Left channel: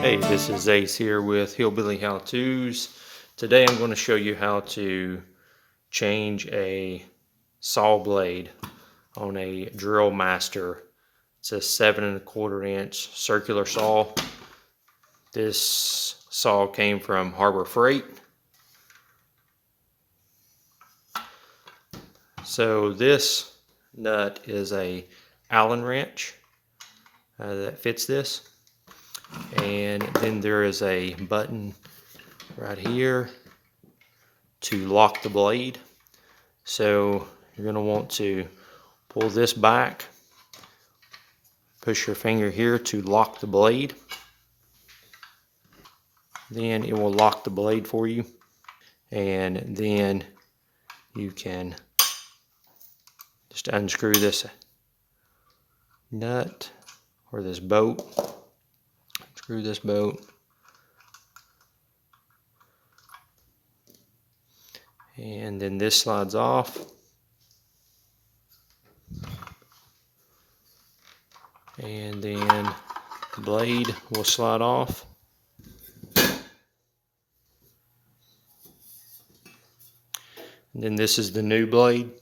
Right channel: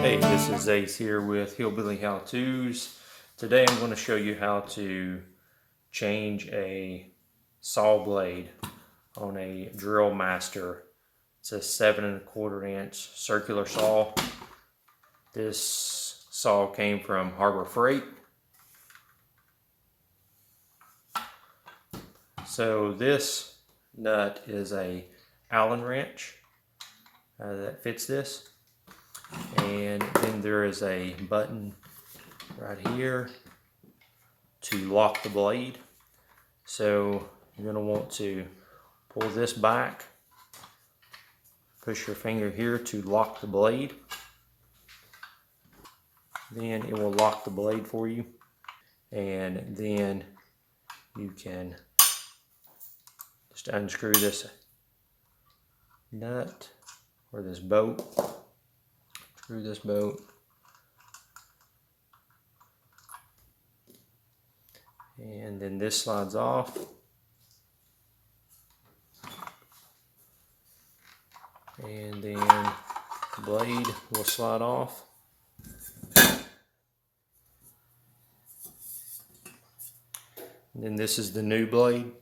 Hey, this is Ace here with Hillbilly How To's. Today I'm going to show you how to change a saw blade on a Drill Master. It's a 7¼ inch circular saw. This saw came from Harbor Freight. So this nut is a Allen wrench that fits this. And then there is a button right here to lock the blade. So you're going to want to pull this back, push your finger here to lock the blade. Then it will lock the blade for you, and then you can just unscrew this nut or this bolt. Screw this bolt, and then this slides off. And then the blade will slide off. And then this is the new blade.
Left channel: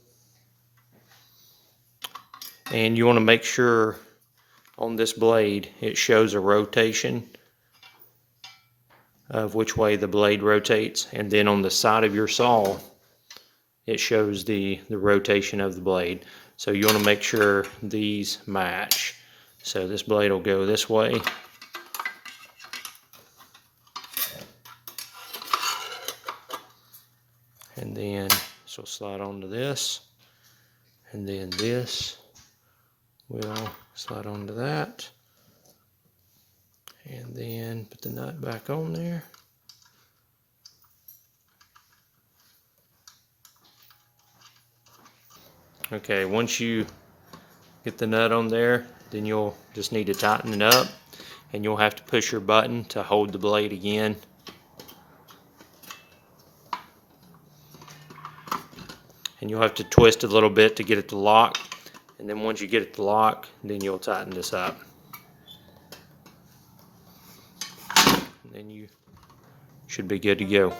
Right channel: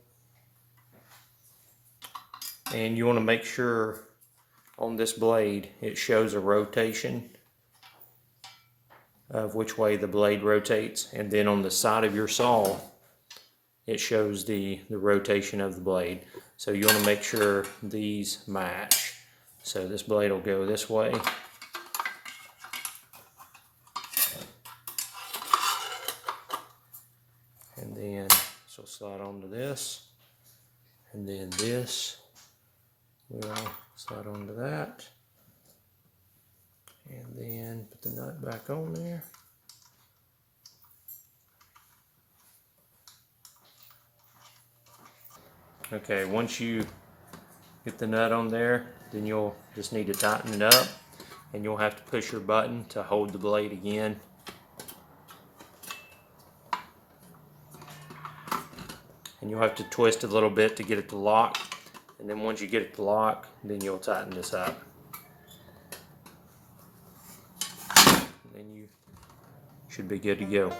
And you want to make sure on this blade it shows a rotation of which way the blade rotates, and then on the side of your saw it shows the rotation of the blade. So you want to make sure these match. So this blade will go this way, and then this will slide onto this, and then this will slide onto that, and then put the nut back on there. Okay, once you get the nut on there, then you'll just need to tighten it up, and you'll have to push your button to hold the blade again. And you'll have to twist a little bit to get it to lock, and then once you get it to lock, then you'll tighten this up. And then you should be good to go.